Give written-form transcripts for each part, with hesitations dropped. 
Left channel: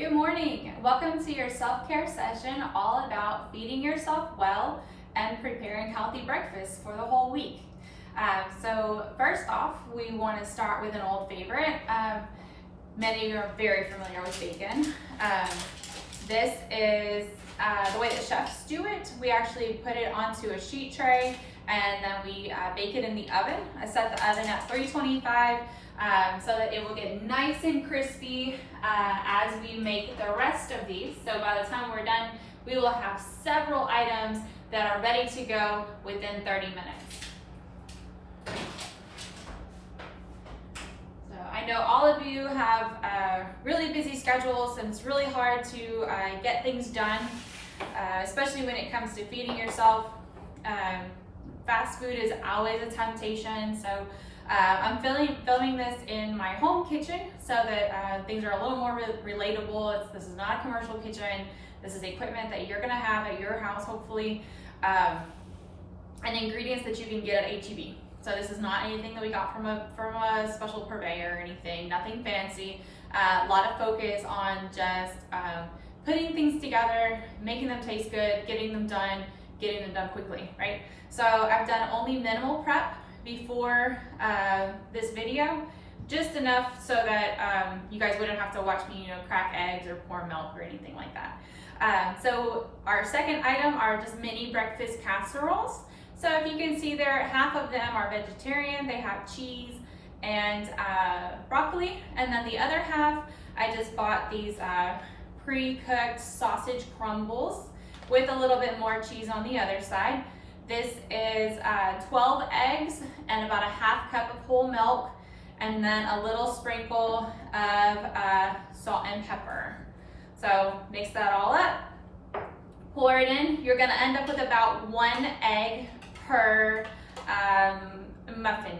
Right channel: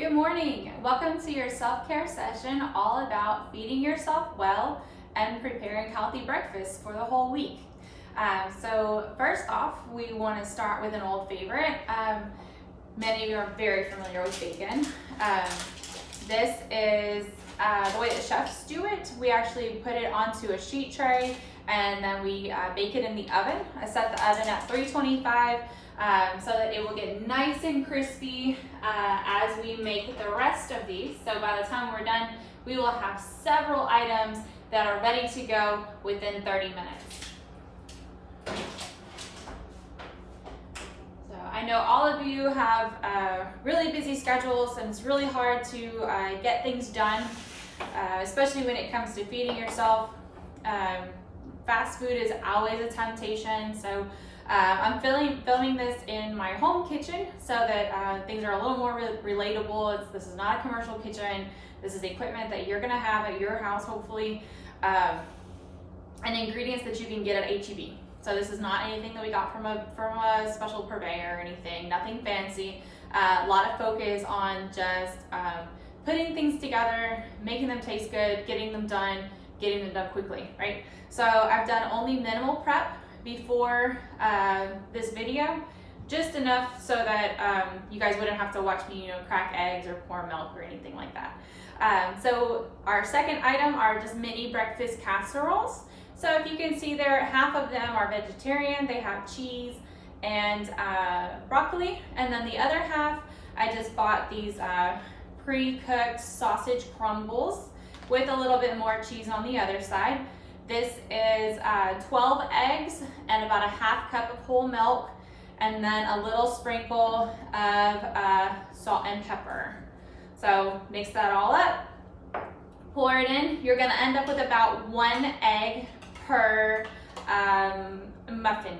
Good morning. Welcome to your self-care session all about feeding yourself well and preparing healthy breakfast for the whole week. So first off, we want to start with an old favorite. Many of you are very familiar with bacon. This is the way that chefs do it. We actually put it onto a sheet tray and then we bake it in the oven. I set the oven at 325 so that it will get nice and crispy as we make the rest of these. So by the time we're done, we will have several items that are ready to go within 30 minutes. So I know all of you have really busy schedules and it's really hard to get things done, especially when it comes to feeding yourself. Fast food is always a temptation, so I'm filming this in my home kitchen so that things are a little more relatable. This is not a commercial kitchen. This is equipment that you're gonna have at your house, hopefully, and ingredients that you can get at H-E-B. So this is not anything that we got from a special purveyor or anything, nothing fancy. A lot of focus on just putting things together, making them taste good, getting them done quickly, right? So I've done only minimal prep before this video, just enough so that you guys wouldn't have to watch me, crack eggs or pour milk or anything like that. So our second item are just mini breakfast casseroles. So if you can see there, half of them are vegetarian. They have cheese and broccoli, and then the other half, I just bought these pre-cooked sausage crumbles with a little bit more cheese on the other side. This is 12 eggs and about a half cup of whole milk, and then a little sprinkle of salt and pepper. So mix that all up, pour it in. You're gonna end up with about 1 egg per muffin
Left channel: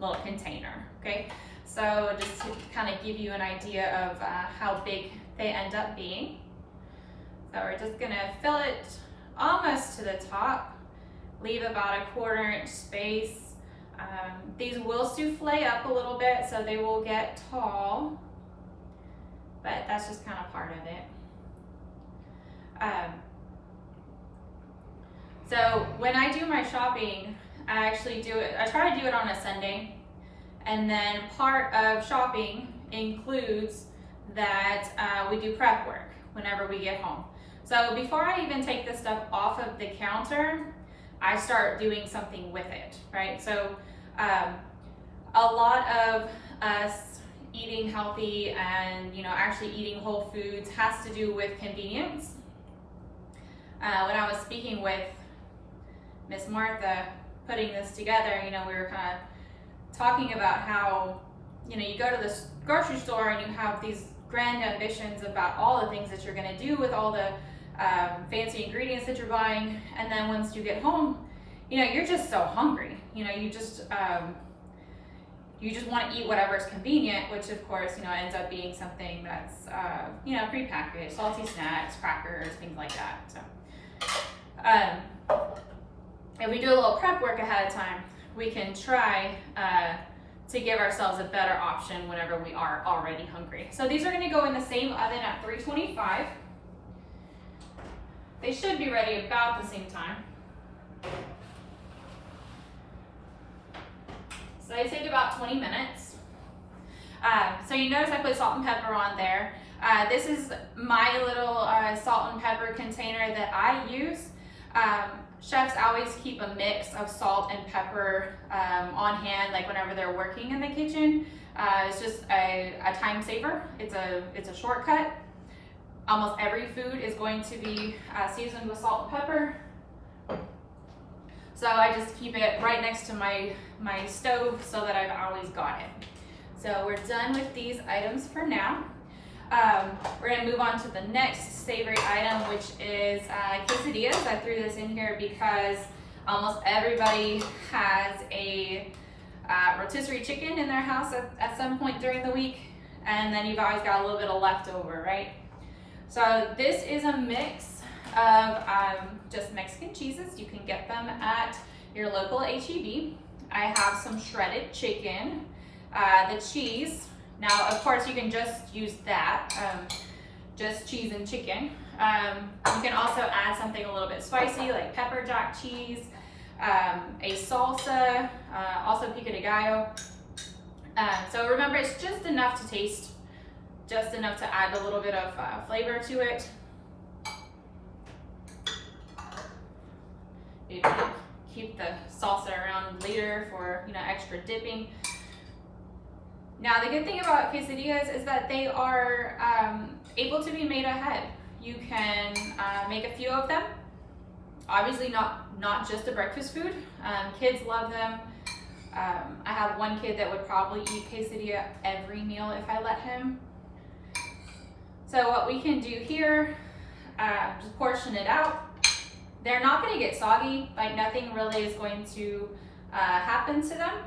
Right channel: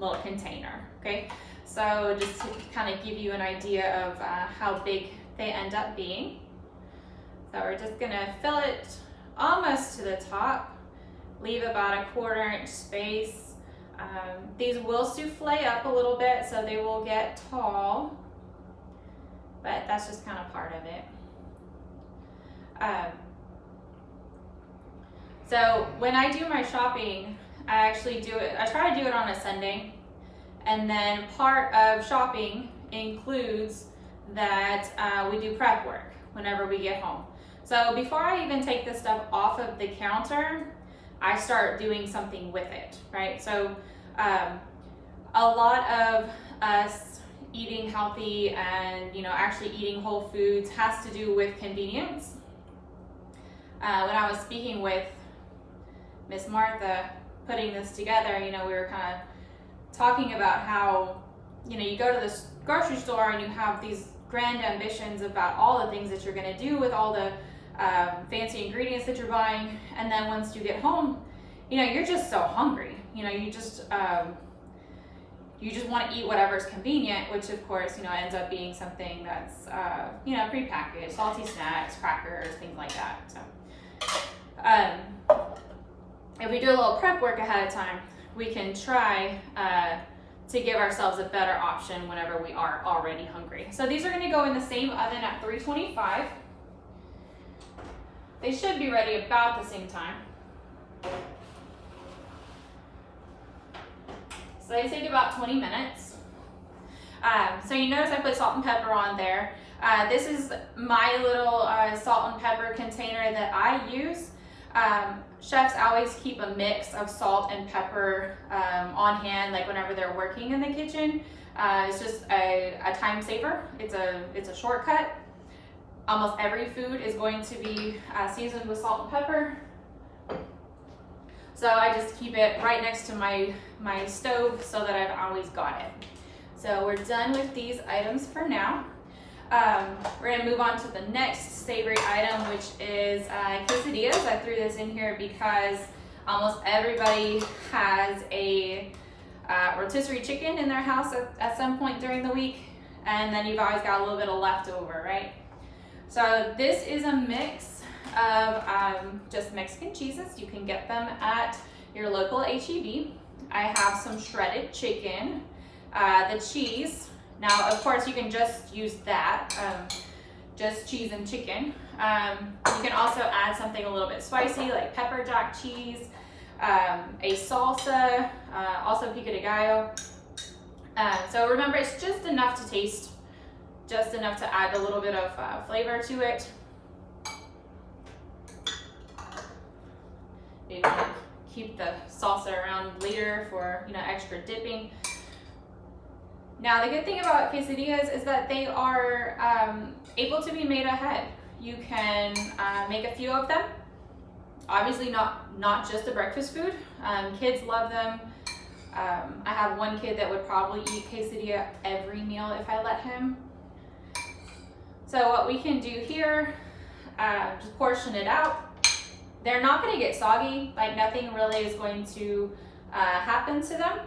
little container, okay? So just to kind of give you an idea of how big they end up being. So we're just gonna fill it almost to the top. Leave about a 1/4 inch space. These will souffle up a little bit, so they will get tall, but that's just kind of part of it. So when I do my shopping, I actually do it, I try to do it on a Sunday, and then part of shopping includes that we do prep work whenever we get home. So before I even take this stuff off of the counter, I start doing something with it, right? So a lot of us eating healthy and actually eating whole foods has to do with convenience. When I was speaking with Miss Martha putting this together, we were kind of talking about how you go to the grocery store and you have these grand ambitions about all the things that you're going to do with all the fancy ingredients that you're buying, and then once you get home, you're just so hungry. You just want to eat whatever's convenient, which of course ends up being something that's prepackaged, salty snacks, crackers, things like that. So if we do a little prep work ahead of time, we can try to give ourselves a better option whenever we are already hungry. So these are going to go in the same oven at 325. They should be ready about the same time. So they take about 20 minutes. So you notice I put salt and pepper on there. This is my little salt and pepper container that I use. Chefs always keep a mix of salt and pepper on hand, like whenever they're working in the kitchen. It's just a time saver. It's a shortcut. Almost every food is going to be seasoned with salt and pepper. So I just keep it right next to my stove so that I've always got it. So we're done with these items for now. We're gonna move on to the next savory item, which is quesadillas. I threw this in here because almost everybody has a rotisserie chicken in their house at some point during the week, and then you've always got a little bit of leftover, right? So this is a mix of just Mexican cheeses. You can get them at your local H-E-B. I have some shredded chicken, the cheese. Now, of course, you can just use that. just cheese and chicken. You can also add something a little bit spicy like pepper jack cheese, a salsa, also pico de gallo. So remember, it's just enough to taste, just enough to add a little bit of flavor to it. You want to keep the salsa around later for extra dipping. Now the good thing about quesadillas is that they are able to be made ahead. You can make a few of them. Obviously not just a breakfast food. Kids love them. I have one kid that would probably eat quesadilla every meal if I let him. So what we can do here, just portion it out. They're not going to get soggy, like nothing really is going to happen to them.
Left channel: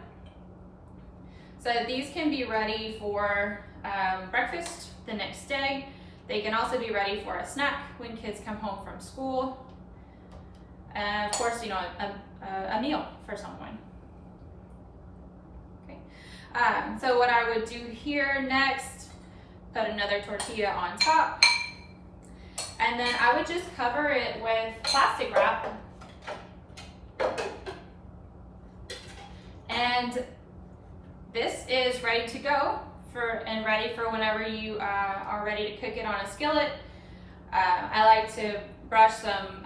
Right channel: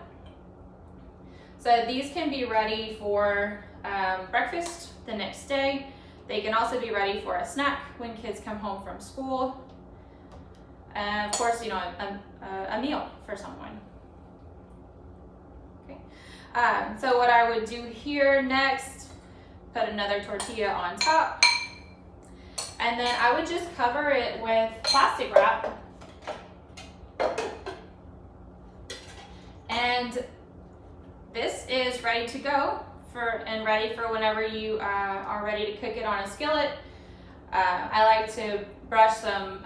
So these can be ready for breakfast the next day. They can also be ready for a snack when kids come home from school. And of course, a meal for someone. Okay. So what I would do here next, put another tortilla on top. And then I would just cover it with plastic wrap. And this is ready to go and ready for whenever you are ready to cook it on a skillet. I like to brush some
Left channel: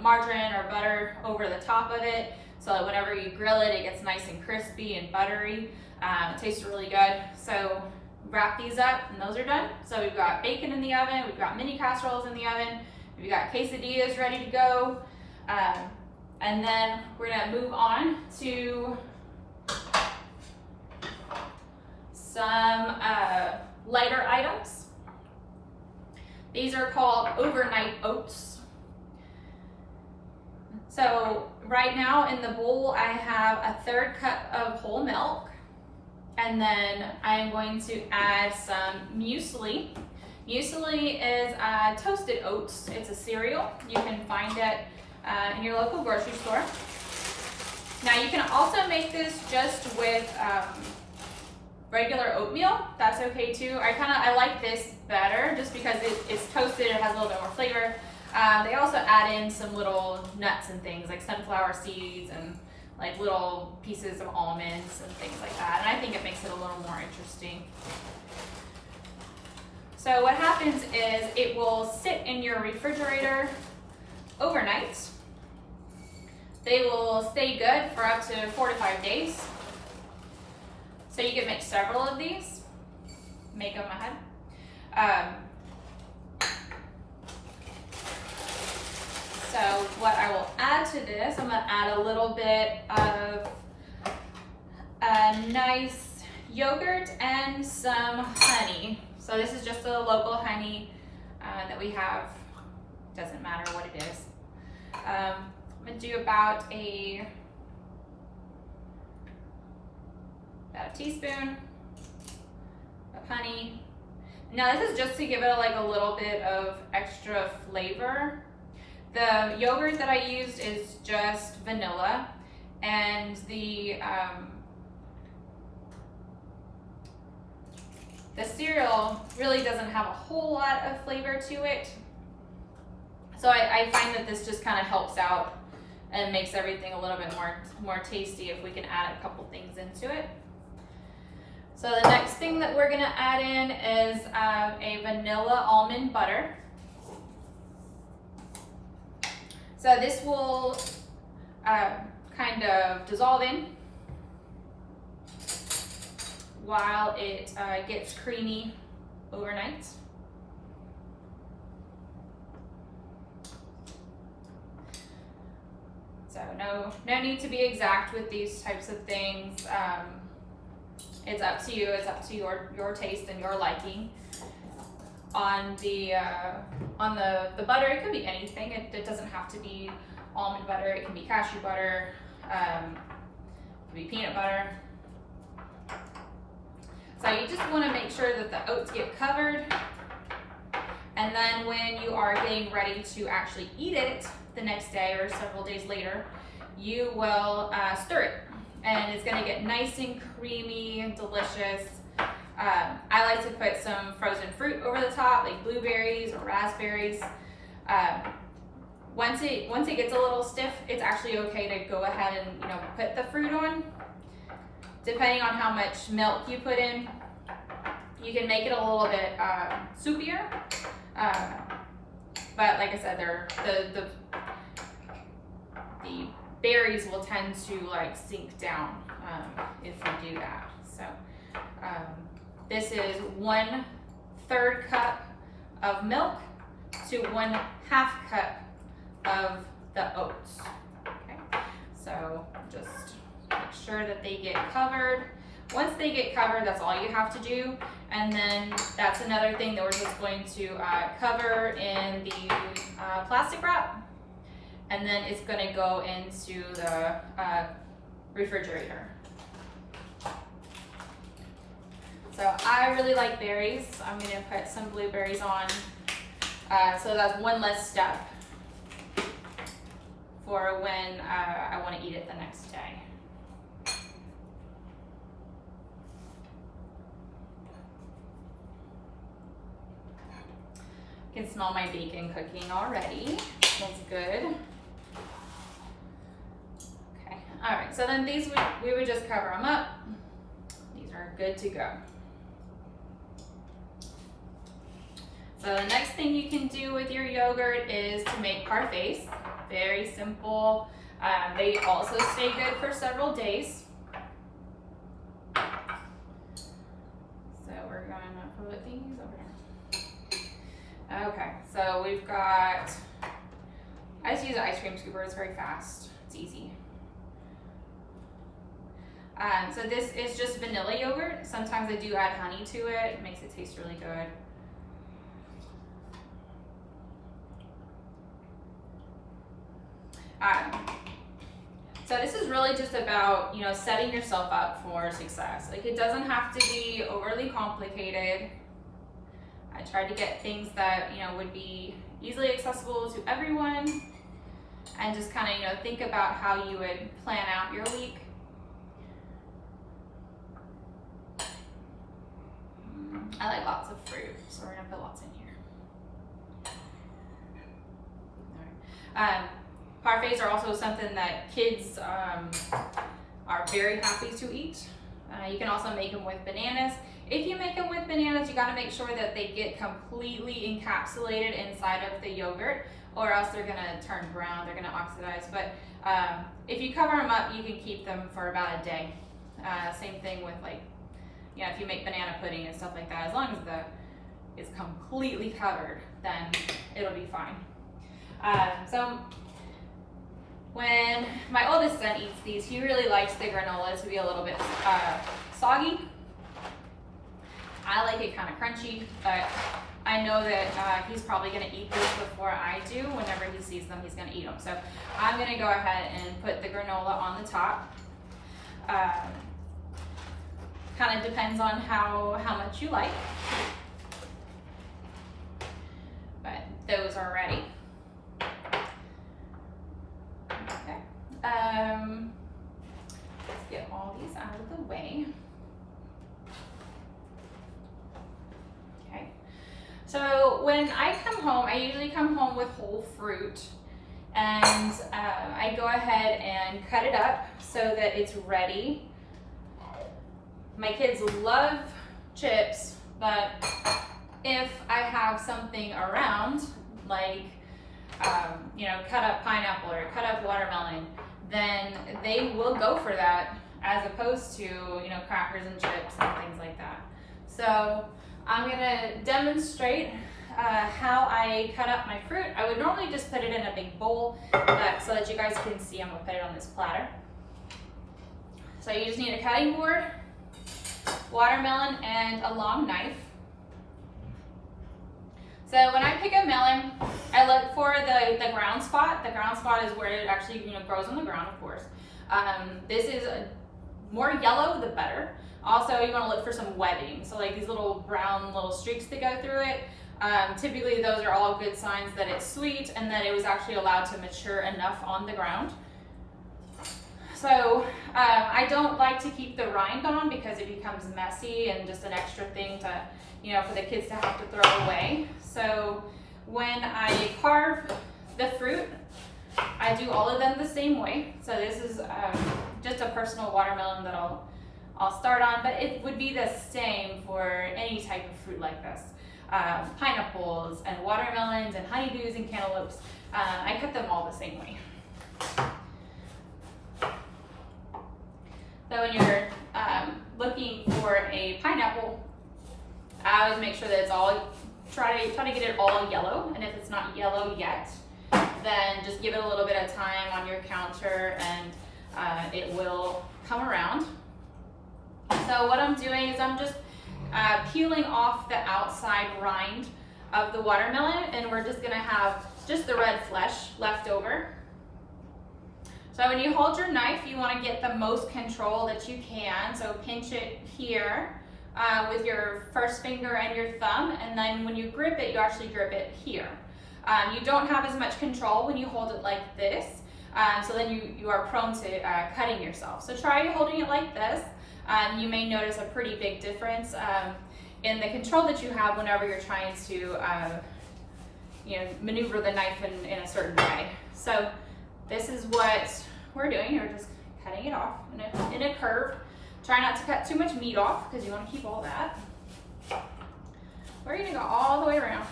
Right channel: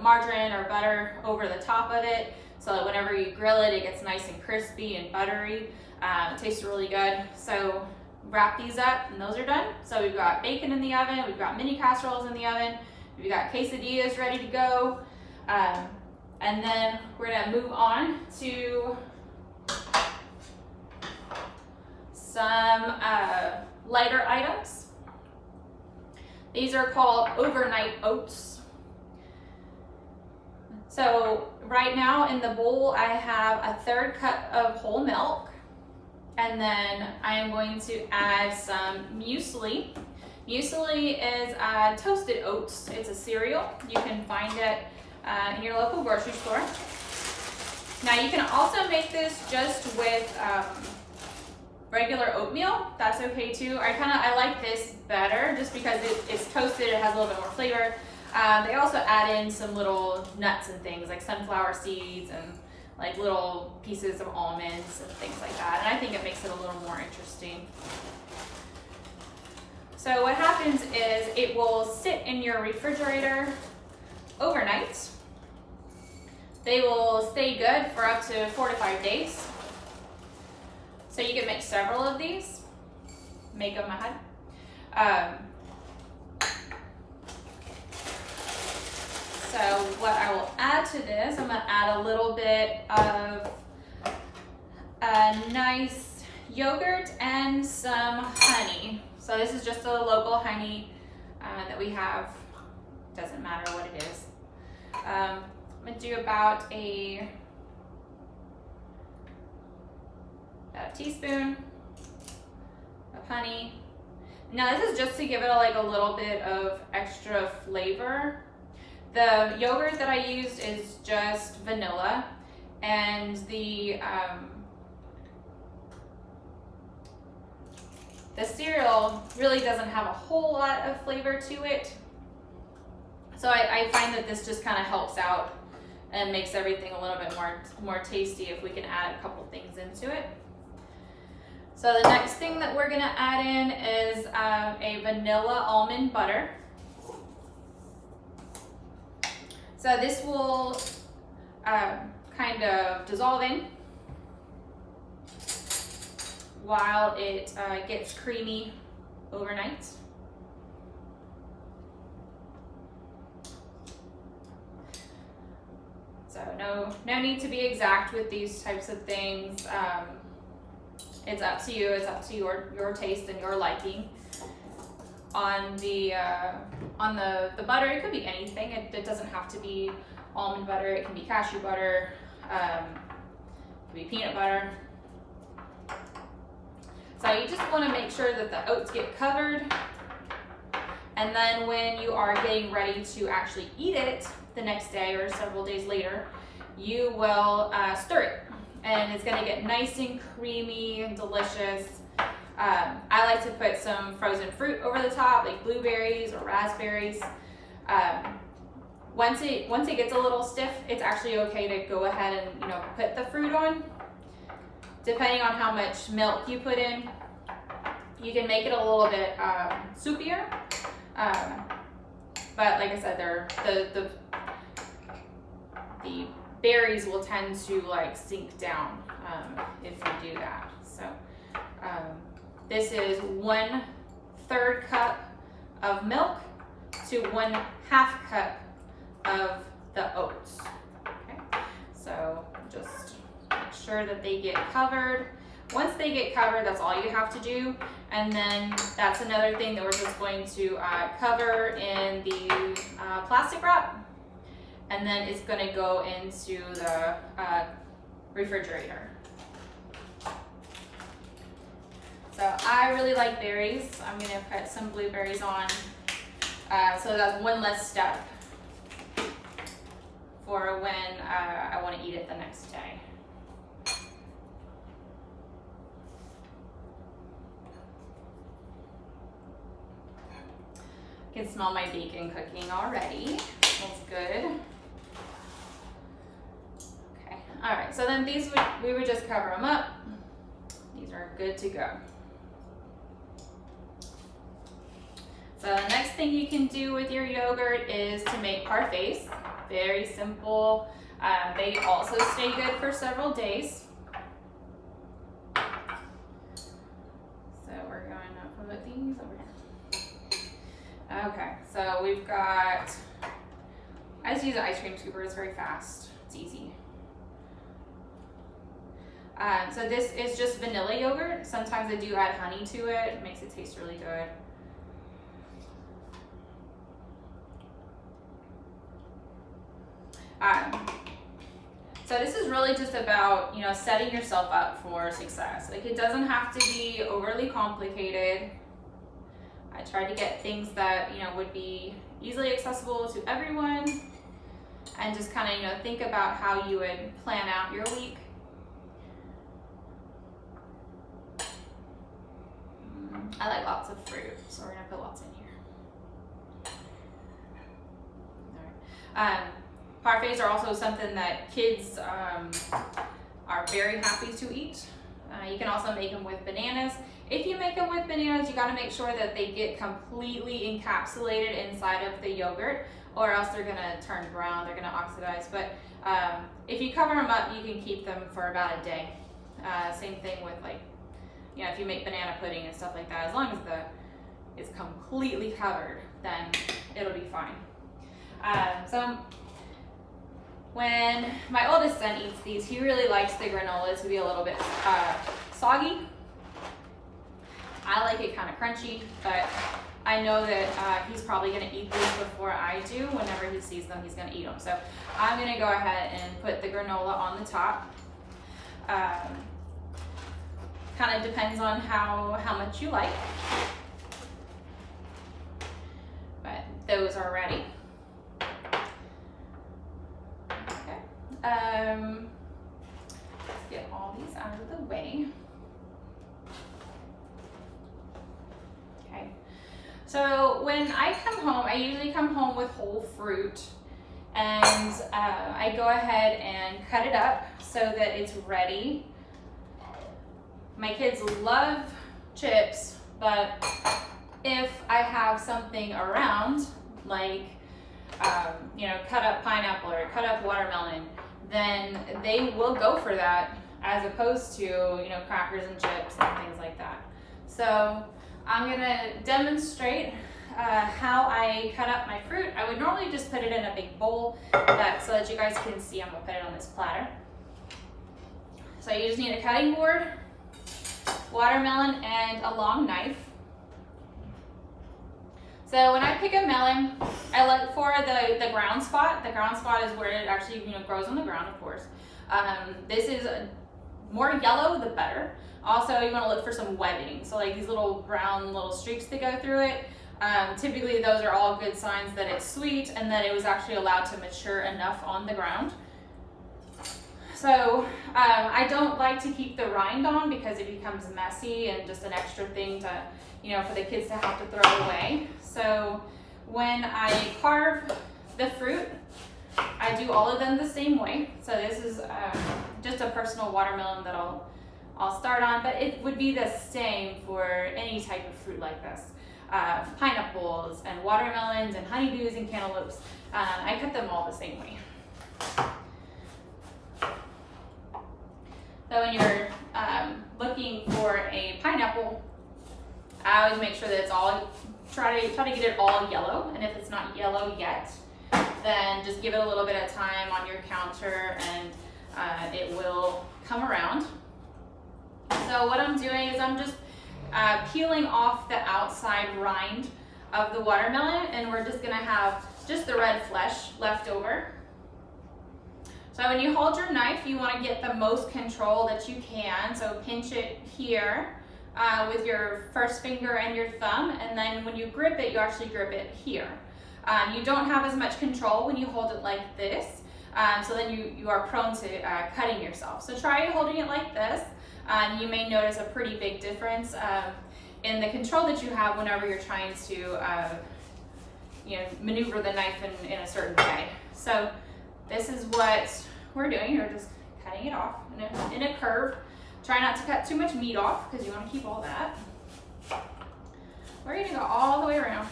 margarine or butter over the top of it so that whenever you grill it, it gets nice and crispy and buttery. It tastes really good. So wrap these up and those are done. So we've got bacon in the oven, we've got mini casseroles in the oven, we've got quesadillas ready to go. And then we're gonna move on to some lighter items. These are called overnight oats. So right now in the bowl, I have a 1/3 cup of whole milk, and then I am going to add some muesli. Muesli is toasted oats. It's a cereal. You can find it in your local grocery store. Now you can also make this just with regular oatmeal. That's okay too. I like this better just because it's toasted, it has a little bit more flavor. They also add in some little nuts and things like sunflower seeds and like little pieces of almonds and things like that. And I think it makes it a little more interesting. So what happens is it will sit in your refrigerator overnight. They will stay good for up to 4 to 5 days. So you can make several of these, make them ahead. So what I will add to this, I'm gonna add a little bit of a nice yogurt and some honey. So this is just a local honey that we have, doesn't matter what it is. I'm gonna do about a teaspoon of honey. Now this is just to give it a little bit of extra flavor. The yogurt that I used is just vanilla, and the cereal really doesn't have a whole lot of flavor to it. So I find that this just kind of helps out and makes everything a little bit more tasty if we can add a couple things into it. So the next thing that we're gonna add in is a vanilla almond butter. So this will kind of dissolve in while it gets creamy overnight. So no need to be exact with these types of things. It's up to you. It's up to your taste and your liking. On the butter, it could be anything. It doesn't have to be almond butter. It can be cashew butter. It could be peanut butter. So you just want to make sure that the oats get covered. And then when you are getting ready to actually eat it the next day or several days later, you will stir it. And it's going to get nice and creamy and delicious. I like to put some frozen fruit over the top, like blueberries or raspberries. Once it gets a little stiff, it's actually okay to go ahead and, you know, put the fruit on. Depending on how much milk you put in, you can make it a little bit soupier. But like I said, the berries will tend to like sink down if you do that. So this is 1/3 cup of milk to 1/2 cup of the oats. Okay, so just make sure that they get covered. Once they get covered, that's all you have to do. And then that's another thing that we're just going to cover in the plastic wrap. And then it's going to go into the refrigerator. So I really like berries. I'm going to put some blueberries on. So that's one less step for when I want to eat it the next day. I can smell my bacon cooking already. Smells good. Okay, all right, so then these we would just cover them up. These are good to go. So the next thing you can do with your yogurt is to make parfaits. Very simple. They also stay good for several days. So we're going to put these over here. Okay, so we've got, I just use an ice cream scooper. It's very fast. It's easy. So this is just vanilla yogurt. Sometimes I do add honey to it. It makes it taste really good. So this is really just about, you know, setting yourself up for success. Like, it doesn't have to be overly complicated. I tried to get things that, you know, would be easily accessible to everyone, and just kind of, you know, think about how you would plan out your week. I like lots of fruit, so we're gonna put lots in here. All right. Parfaits are also something that kids are very happy to eat. You can also make them with bananas. If you make them with bananas, you gotta make sure that they get completely encapsulated inside of the yogurt, or else they're gonna turn brown, they're gonna oxidize. But if you cover them up, you can keep them for about a day. Same thing with, like, you know, if you make banana pudding and stuff like that, as long as it's completely covered, then it'll be fine. So when my oldest son eats these, he really likes the granolas to be a little bit soggy. I like it kind of crunchy, but I know that he's probably going to eat these before I do. Whenever he sees them, he's going to eat them. So I'm going to go ahead and put the granola on the top. Kind of depends on how much you like. But those are ready. Okay. Let's get all these out of the way. Okay. So when I come home, I usually come home with whole fruit, and I go ahead and cut it up so that it's ready. My kids love chips, but if I have something around, like you know, cut up pineapple or cut up watermelon, then they will go for that, as opposed to, you know, crackers and chips and things like that. So I'm gonna demonstrate how I cut up my fruit. I would normally just put it in a big bowl, but so that you guys can see, I'm gonna put it on this platter. So you just need a cutting board, watermelon, and a long knife. So when I pick a melon, I look for the ground spot. The ground spot is where it actually, you know, grows on the ground, of course. This is more yellow, the better. Also, you want to look for some webbing. So like these little brown little streaks that go through it. Typically those are all good signs that it's sweet and that it was actually allowed to mature enough on the ground. So I don't like to keep the rind on because it becomes messy and just an extra thing to, for the kids to have to throw away. So when I carve the fruit, I do all of them the same way. So this is just a personal watermelon that I'll start on, but it would be the same for any type of fruit like this. Pineapples and watermelons and honeydews and cantaloupes. I cut them all the same way. So when you're looking for a pineapple, I always make sure that it's all, try to get it all yellow, and if it's not yellow yet, then just give it a little bit of time on your counter and it will come around. So what I'm doing is I'm just peeling off the outside rind of the watermelon, and we're just gonna have just the red flesh left over. So when you hold your knife, you wanna get the most control that you can. So pinch it here with your first finger and your thumb, and then when you grip it, you actually grip it here. You don't have as much control when you hold it like this, so then you are prone to cutting yourself. So try holding it like this. You may notice a pretty big difference in the control that you have whenever you're trying to maneuver the knife in a certain way. So this is what we're doing. We're just cutting it off in a curve. Try not to cut too much meat off because you want to keep all that. We're going to go all the way around.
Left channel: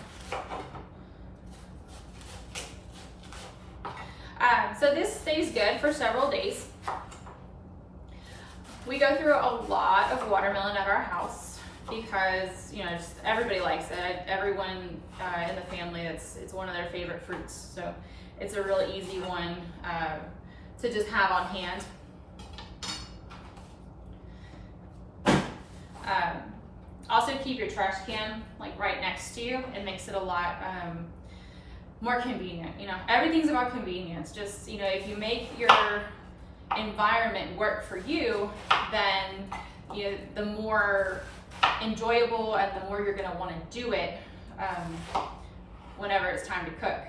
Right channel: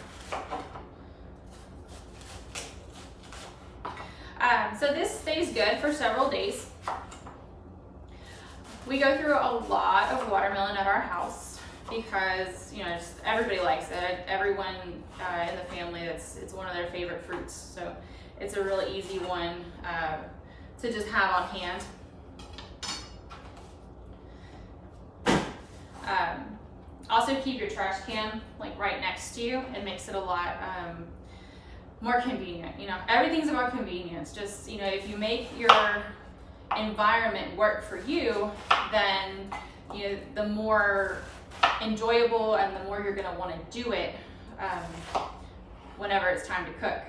So this stays good for several days. We go through a lot of watermelon at our house because just everybody likes it. Everyone in the family, it's one of their favorite fruits. So it's a really easy one to just have on hand. Also keep your trash can right next to you. It makes it a lot more convenient. Everything's about convenience. Just if you make your environment work for you, then the more enjoyable and the more you're going to want to do it whenever it's time to cook.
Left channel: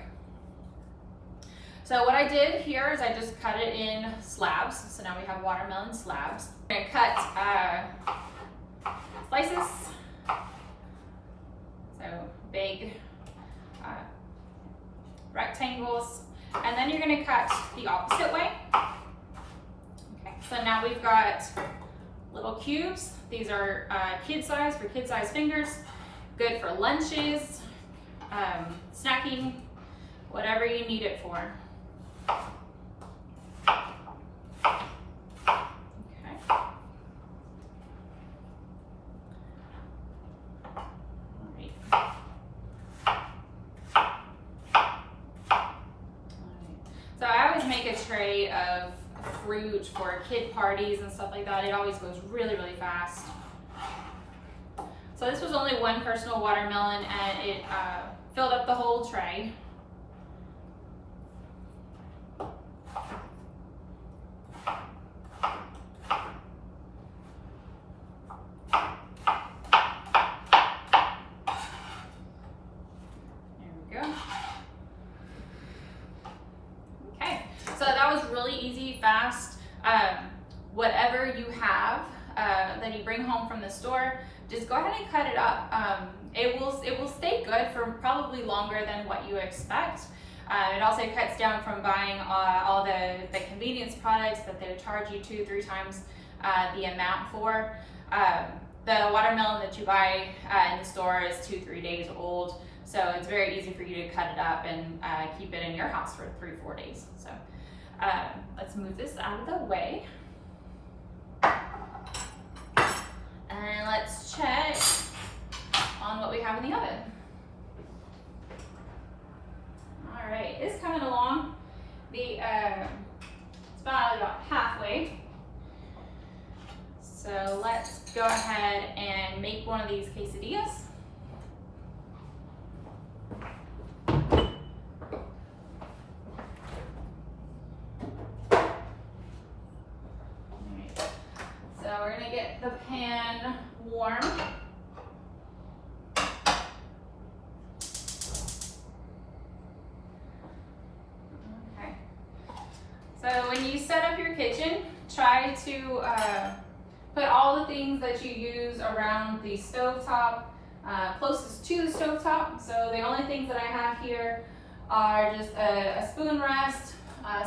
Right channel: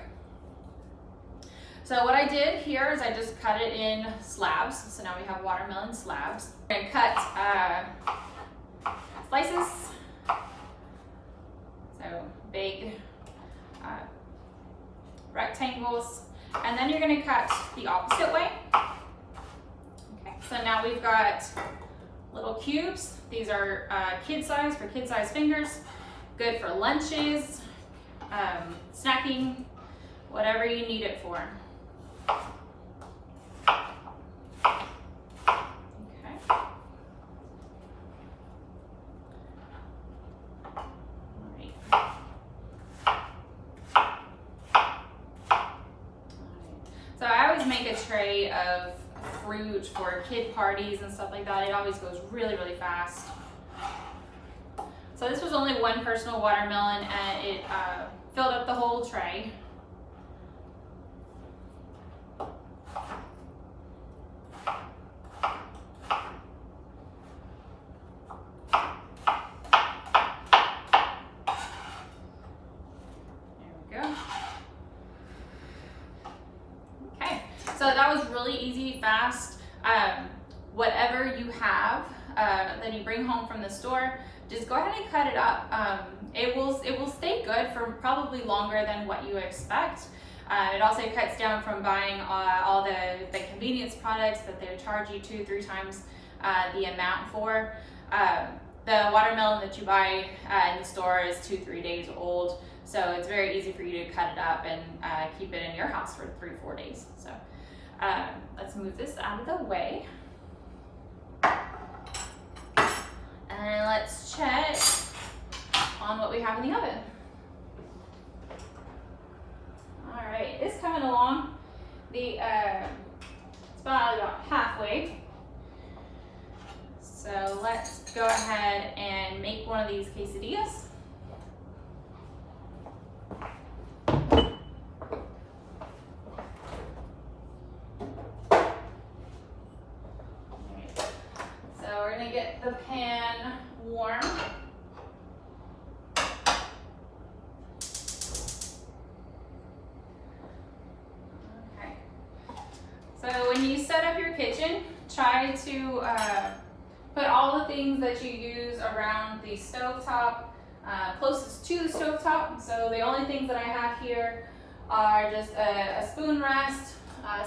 So what I did here is I just cut it in slabs. So now we have watermelon slabs. I'm going to cut slices, so big rectangles, and then you're going to cut the opposite way. Okay, so now we've got little cubes. These are kid size, for kid size fingers, good for lunches, snacking, whatever you need it for. So I always make a tray of fruit for kid parties and stuff like that. It always goes really, really fast. So this was only one personal watermelon, and it filled up the whole tray. So that was really easy, fast. Whatever you have that you bring home from the store, just go ahead and cut it up. It will stay good for probably longer than what you expect. It also cuts down from buying all the convenience products that they charge you 2-3 times the amount for. The watermelon that you buy in the store is 2-3 days old, so it's very easy for you to cut it up and keep it in your house for 3-4 days. So let's move this out of the way. And let's check on what we have in the oven. All right, it's coming along. It's about halfway. So let's go ahead and make one of these quesadillas. So we're gonna get the pan warm. Okay. So when you set up your kitchen, try to put all the things that you use around the stovetop closest to the stovetop. So the only things that I have here are just a spoon rest,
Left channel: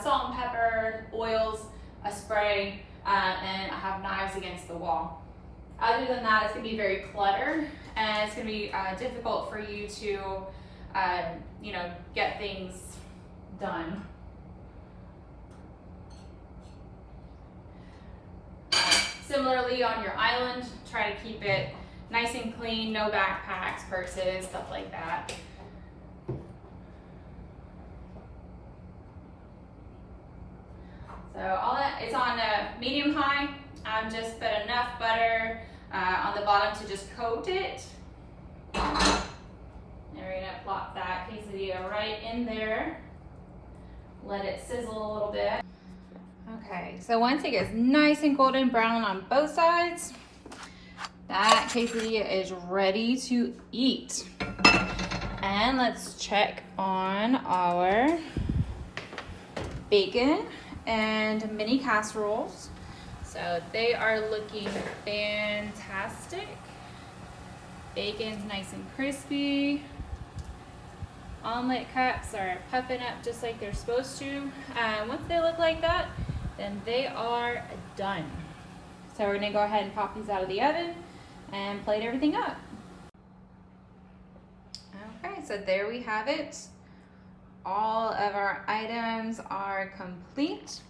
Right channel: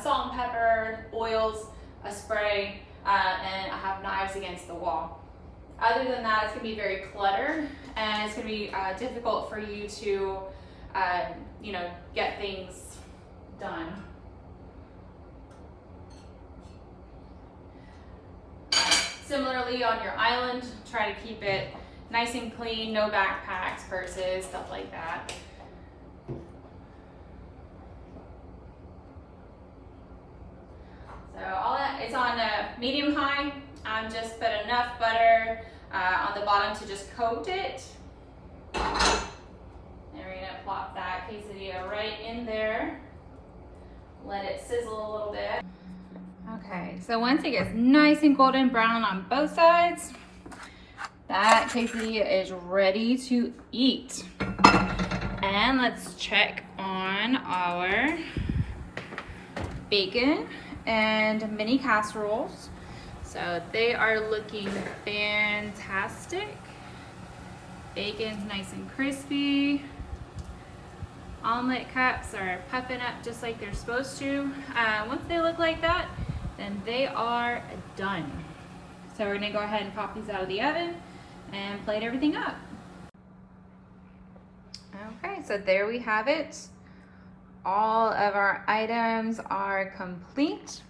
salt and pepper, oils, a spray, and I have knives against the wall. Other than that, it's gonna be very cluttered, and it's gonna be difficult for you to, you know, get things done. Similarly, on your island, try to keep it nice and clean, no backpacks, purses, stuff like that. So all that, it's on medium high. Just put enough butter on the bottom to just coat it. And we're gonna plop that quesadilla right in there. Let it sizzle a little bit. Okay, so once it gets nice and golden brown on both sides, that quesadilla is ready to eat. And let's check on our bacon and mini casseroles. So they are looking fantastic. Bacon's nice and crispy. Omelet cups are puffing up just like they're supposed to. Once they look like that, then they are done. So we're gonna go ahead and pop these out of the oven and plate everything up. Okay, so there we have it. All of our items are complete.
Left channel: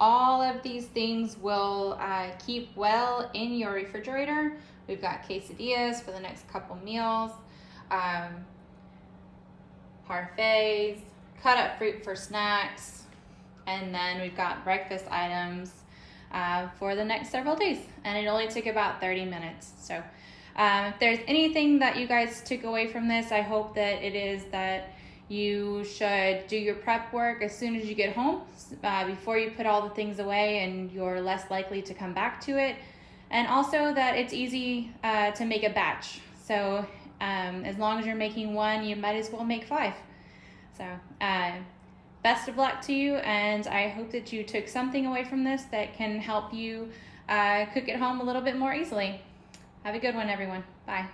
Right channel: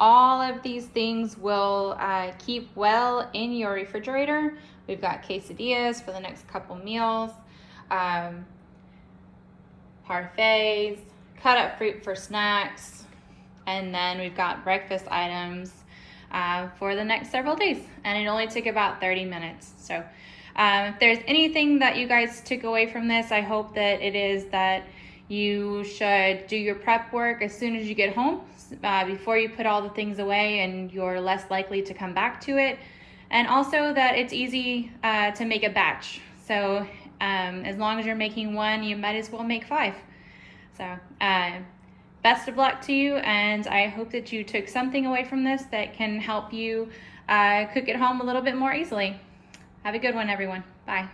All of these things will keep well in your refrigerator. We've got quesadillas for the next couple meals, parfaits, cut up fruit for snacks, and then we've got breakfast items for the next several days. And it only took about 30 minutes. So if there's anything that you guys took away from this, I hope that it is that you should do your prep work as soon as you get home, before you put all the things away, and you're less likely to come back to it. And also that it's easy to make a batch. So as long as you're making one, you might as well make 5. So best of luck to you, and I hope that you took something away from this that can help you cook at home a little bit more easily. Have a good one, everyone. Bye.